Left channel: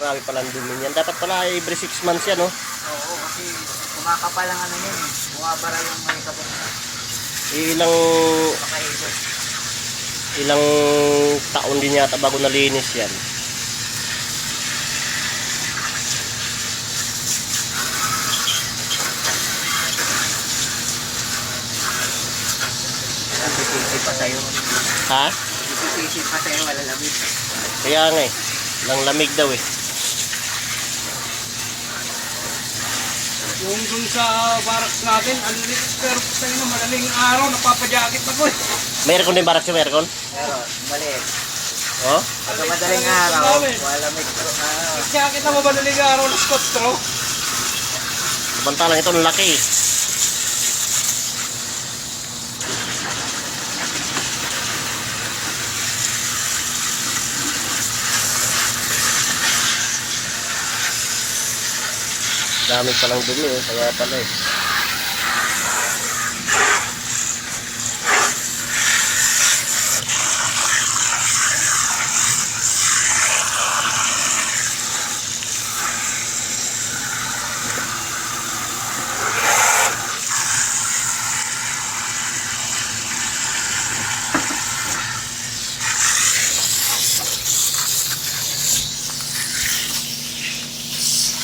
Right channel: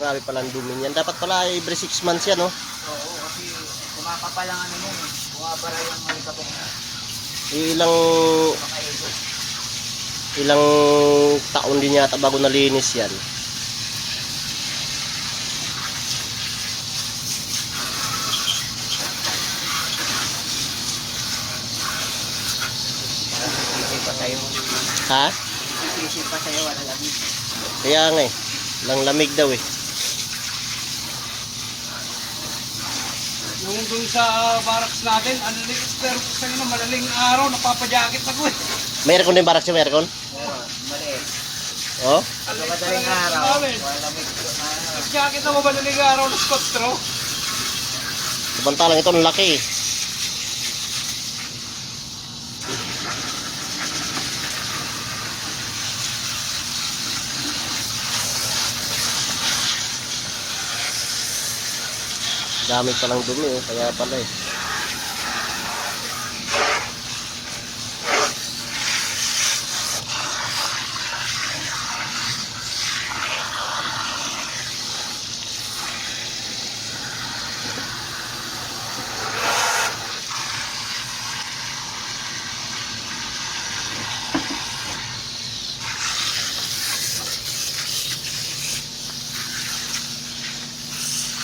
Grabe pala ang dumi niyan. Dapat pala every 6 months yan, oh. Oo, kasi kumakapal lang ano yan eh. Bumabara yung may kapag na. Makaikot. Ilang taon din yata bago nalinis yan. Sisi pa sa'yo. Ha? Sisi pa sa'yo, wala lamig. Kaya nga eh. Lang lamig daw eh. Yung doon sa barracks natin, pero sa inyo, madaling araw, napapajakit ako eh. May aircon din barak siya, may aircon? Pero, maliit. Oh? Pag madaling araw, wala lamig. Jakit na mo madaling araw na Scott Straw. Samantalang ito ang laki eh. Dami palang dumi eh, kaya pala eh.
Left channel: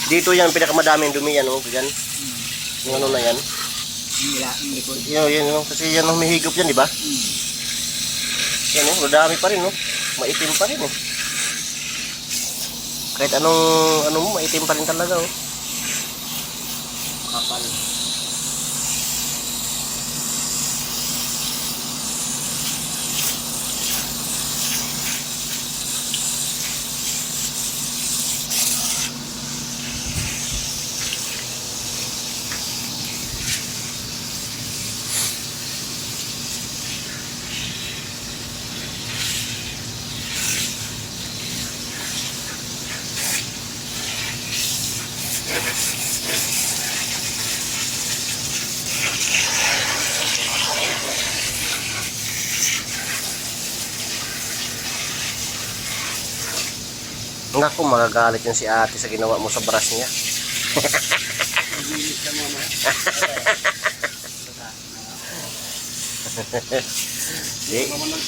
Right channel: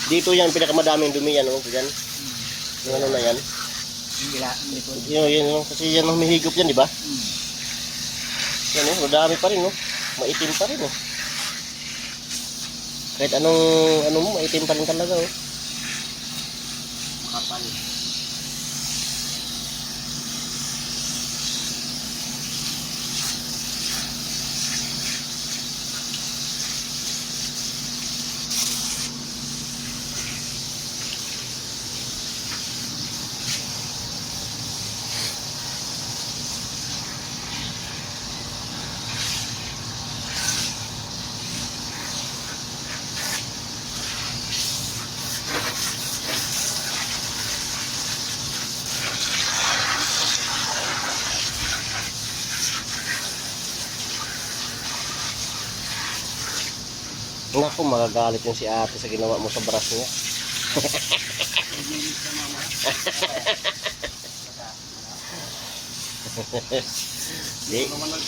Dito yan, pinakamadaming dumi yan, oh, yan. Yung ano na yan. Hindi ko. Yan, kasi yan ang humihigop yan, di ba? Yan, oh, madami pa rin, oh. Maitim pa rin, oh. Kahit anong, ano mo, maitim pa rin talaga, oh. Kapal. Naku, magagalit yun si ate sa ginawa mo sa brush niya. Di.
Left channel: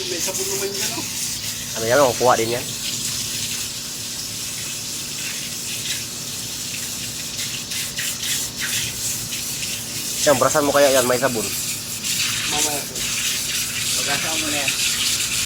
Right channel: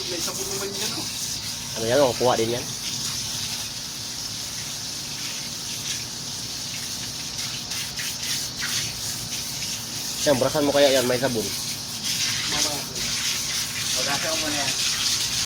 May sabon naman yan, oh. Ano yan, kukuha din yan. Yan, brasan mo kaya yan, may sabon. Mamaya. Pag-asa mo na yan.